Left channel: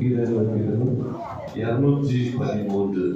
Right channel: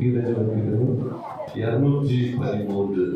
வீரர்கள் வீரரும் இருநூற்றி பதிமூன்று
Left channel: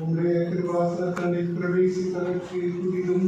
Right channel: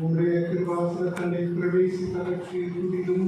Om Re Krivasa Kali Pravesi Kalakshi Vidum